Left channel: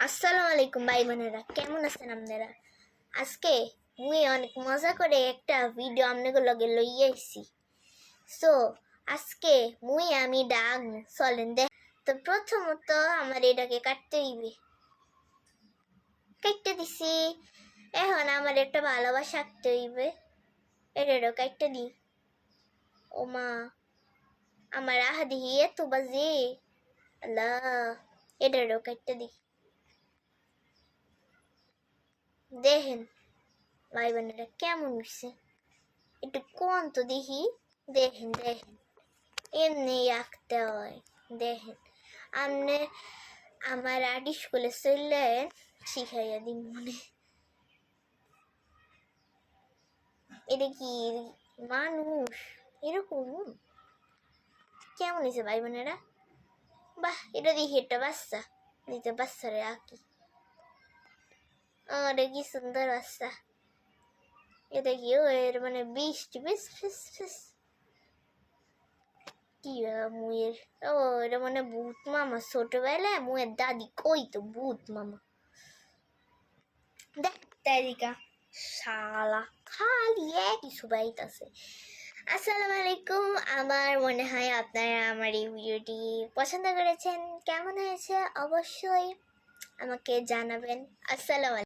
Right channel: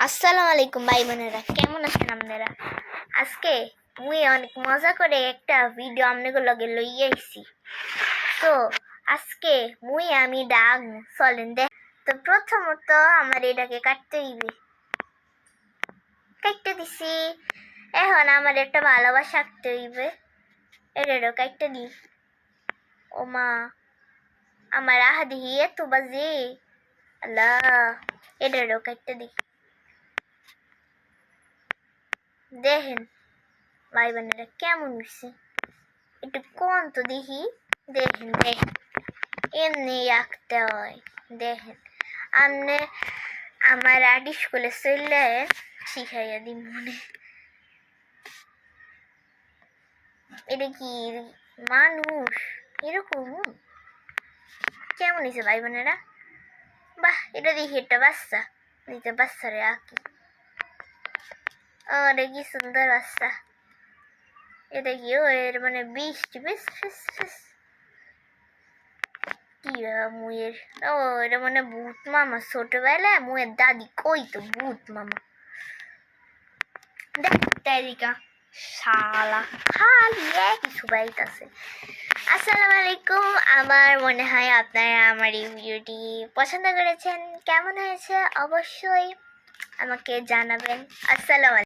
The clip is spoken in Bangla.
আসসালামু আলাইকুম ভাই বোনেরা, কেমন আছেন আপনারা? আজকে মুই অনেক মজা করে একটা ভিডিও আপনাদের লগে লইয়া আইছি। তো আজকে আমি ডাক চলেন দেখ। তো প্রথমত আমার এটাকে কাটতে হইবে, কাটতে দিছি। এখন আমার একটা ভালোবাসা আঁকতে হইবে, এটারও কাটতে দিই। ও মা, আমার আহা দিহি এত বাজে, আল্লাহ, এটারও কাটতে দিই। দেখেন ভাই বোনেরা কেমন হয়েছে, একটু কোন তো দেখি। দেখেন দেখেন, এমনি আঁকতে হয়। দেখেন আপনি আমার আর্ট স্কুলে চললে শিখাইয়া দিন মনে। এটা কি মানুষ এরকম? কেমন হয়েছে ভাই বোনেরা? বাহ, এটা দেখি একটা বাচ্চা, দিতে বাচ্চারে আঁকি। আরে কি সুন্দর বাচ্চা। এটা কি এর মানে বৃষ্টি বেশ ফেস ফেস কি মুয়ের, ও এটা মানে ভূত মামা। ছোটবেলায় মুয়ের দাদি কইতো ভূত মামা। দেখ শালা খালি একই সুবাইতাছে। আসসালামু আলাইকুম। আমার মনে হয় আপনারা আমার এই ভিডিওটি পছন্দ করেছেন। কেমন হয়েছে অবশ্যই আমাকে জানাবেন। আসসালামু আলাইকুম।